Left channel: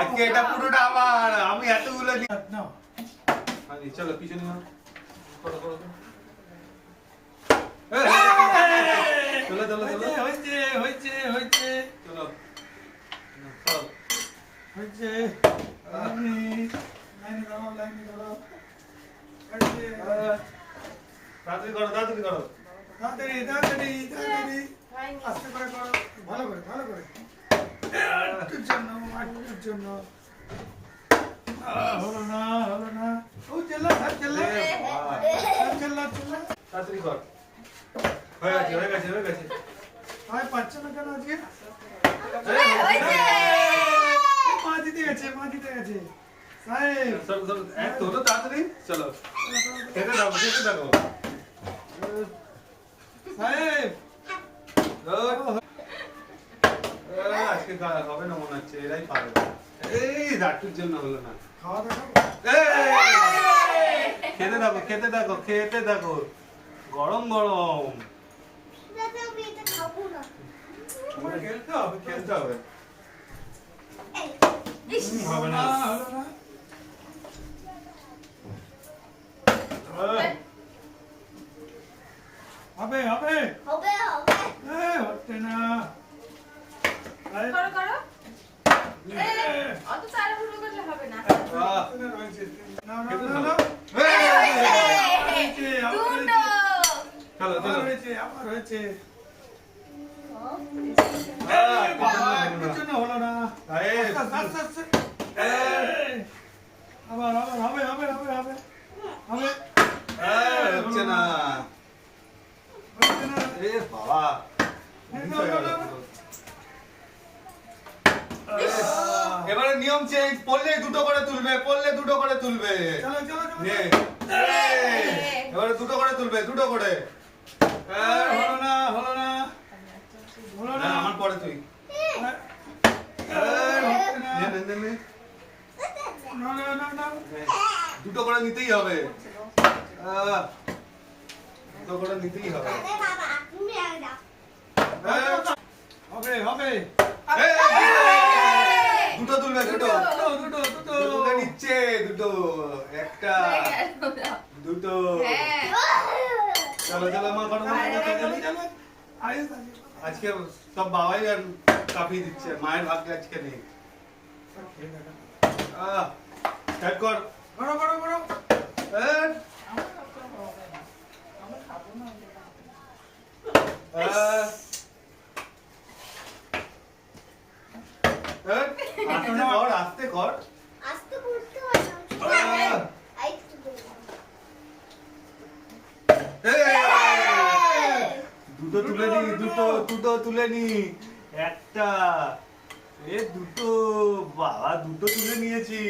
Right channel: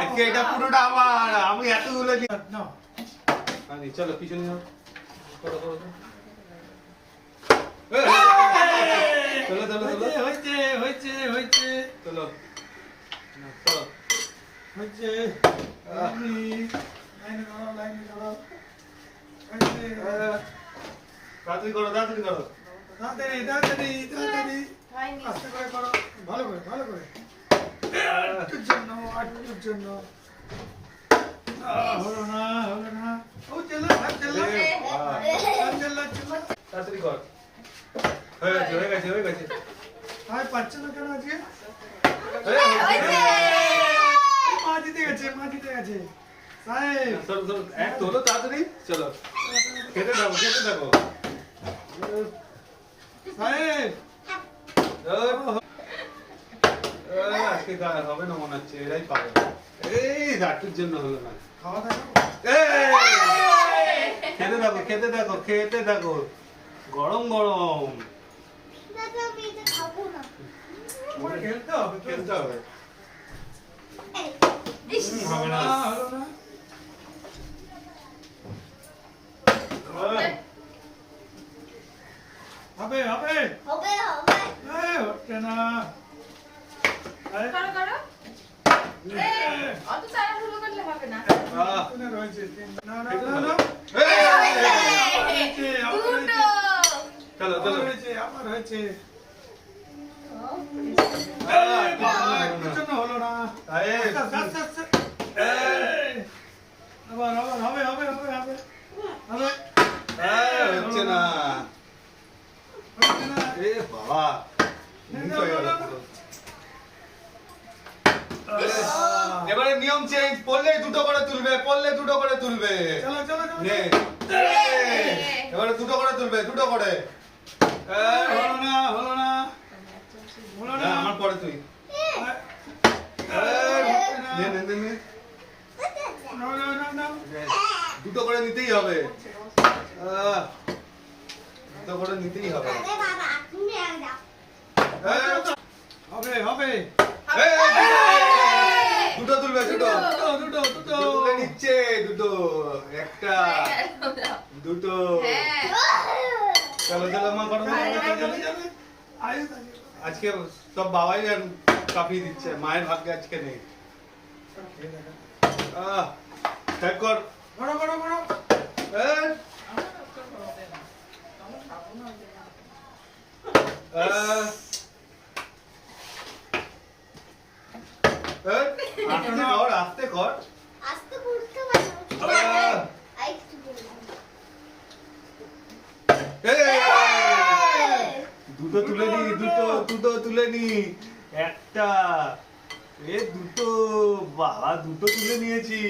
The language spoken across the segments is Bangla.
আজকে এটা পুরোটা আমার, আমি এতগুলো নাও। চলো পিছনে যাও, করো করো চলো চলো চলো, হয়েছে হয়েছে হয়েছে, চলো চলো হয়েছে। তাড়াতাড়ি করো তাড়াতাড়ি করো, তাড়াতাড়ি তাড়াতাড়ি তাড়াতাড়ি, আস্তে করে করো, ভালো করে ভালো করে, একটুর জন্য একটুর জন্য। হলো না হলো না, ও চেল্লা চেল্লা চেল্লা চেল্লা, তাড়াতাড়ি কর, হয়ে গেছে হয়ে গেছে হয়ে গেছে। আর পাচ্ছে না কেন আজকে? মা জিতে গেছে মা জিতে গেছে। সাহেব চলো চলো, এক তো হলো, তাড়াতাড়ি চলো, খেতে থাকো খেতে থাকো। সাহেব আজকে হবে না মনে হচ্ছে, এরাই পাবে। এই রাতুর জন্য হলো না, খাওয়া দাওয়া খেতে থাকো খেতে থাকো খেতে থাকো, গরম গরম। খেলতে হবে খেলতে হবে, হবে না হলো না। হবে হবে হবে হবে, হচ্ছে না। করো করো, অত তাড়াহুড়ো করলে হবে না। না না না, চলো চলো, হয়েছে আমার হয়েছে, হলো না। আবার আবার হবে হবে হবে হবে হবে, হচ্ছে না হচ্ছে না। এ বাবা এবারে নিয়ম চেঞ্জ, পড়লে দুটো করে তুলবে, পড়লে দুটো করে তুলবে। চলো চলো নে, এবারে দুটো করে তুলবে, দুটো করে। হলো না হলো না হলো না, আমার পরে তুই দুটো করে নিতেই হবে, দুটো করে নিতেই হবে, হবে হবে। দুটো তুলবে, দুটো দুটো দুটো নিচ্ছে, দুটো একটা দুটো। চলো চলো মা করো, আজকে সব বাবাই কাঁপিয়ে দিচ্ছে, মায়ের ভাগ্যে আজকে নেই। স্টার্ট কর, করো করো করো। আস্তে কর আস্তে করতে পারো, দুটো তুলে নি, দুটো দুটো তুলে নি, একটা এ দুটো, বাবা দুটো তুলে নিয়েছি।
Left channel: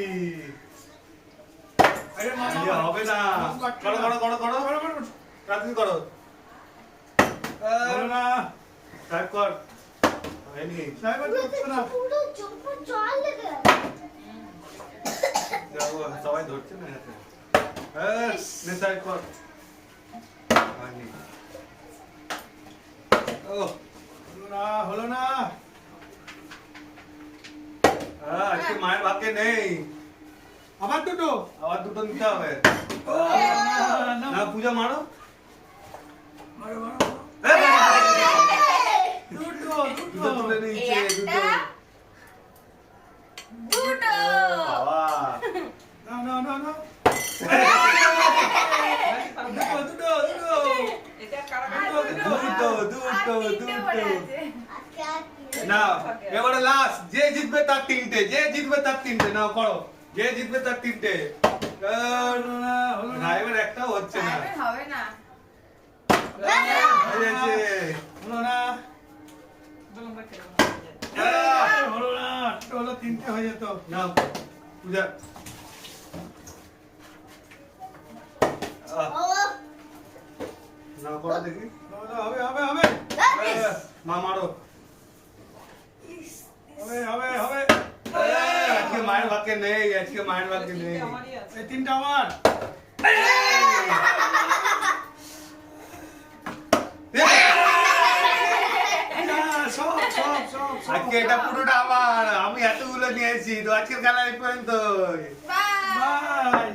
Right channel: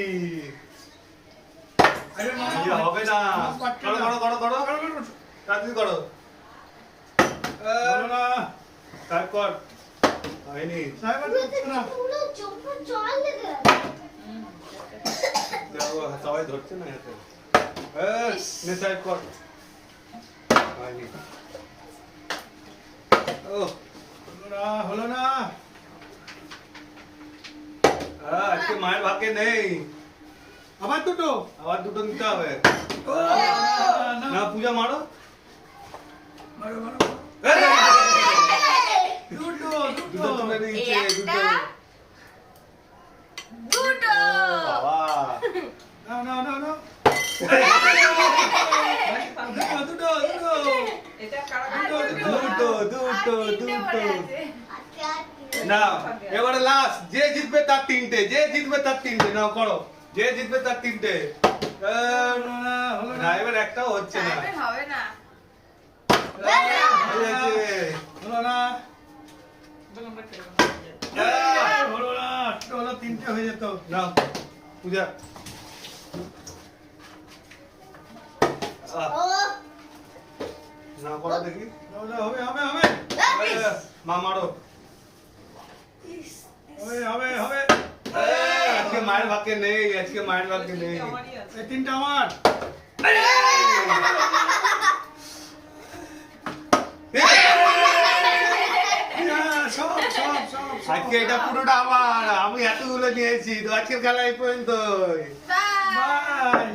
হবে না, করো করো করো করো করো, তাড়াতাড়ি করো। না স্টার্ট কর, হয়নি সবাই ধরছে না এতে, স্টার্ট কর, হয়নি। হলো না, আজকে মায়ের ভাগ্যে নেই। আবার দুটো, আবার দুটো নিতে হবে। না পূজা মারো, দুটো দুটো তুলে নিয়েছে, দুটো দুটো, বাবা না না না না, দুটো দুটো দুটো দুটো দুটো না। এবারে লাস্ট, যে জিতবে তার তিনটে, যে জিতবে তার তিনটে, নাও করো, যে জিতবে তার তিনটে। না এবার একটাও হচ্ছে না, হবে না, হলো না হলো না, হলো তিনটে হয়ে যেত। না পূজা না করো দেখি, হবে হবে হবে, মা মারো, হবে হবে হবে। আজকে মায়ের ভাগ্যে নেই, আজকে মায়ের ভাগ্যে নেই, এই তিনটা আমার। সব আজকে এটা পুরোটা আমার, আমি এতগুলো নিয়েছি তো আজকের খেলা এই পর্যন্ত। বাই।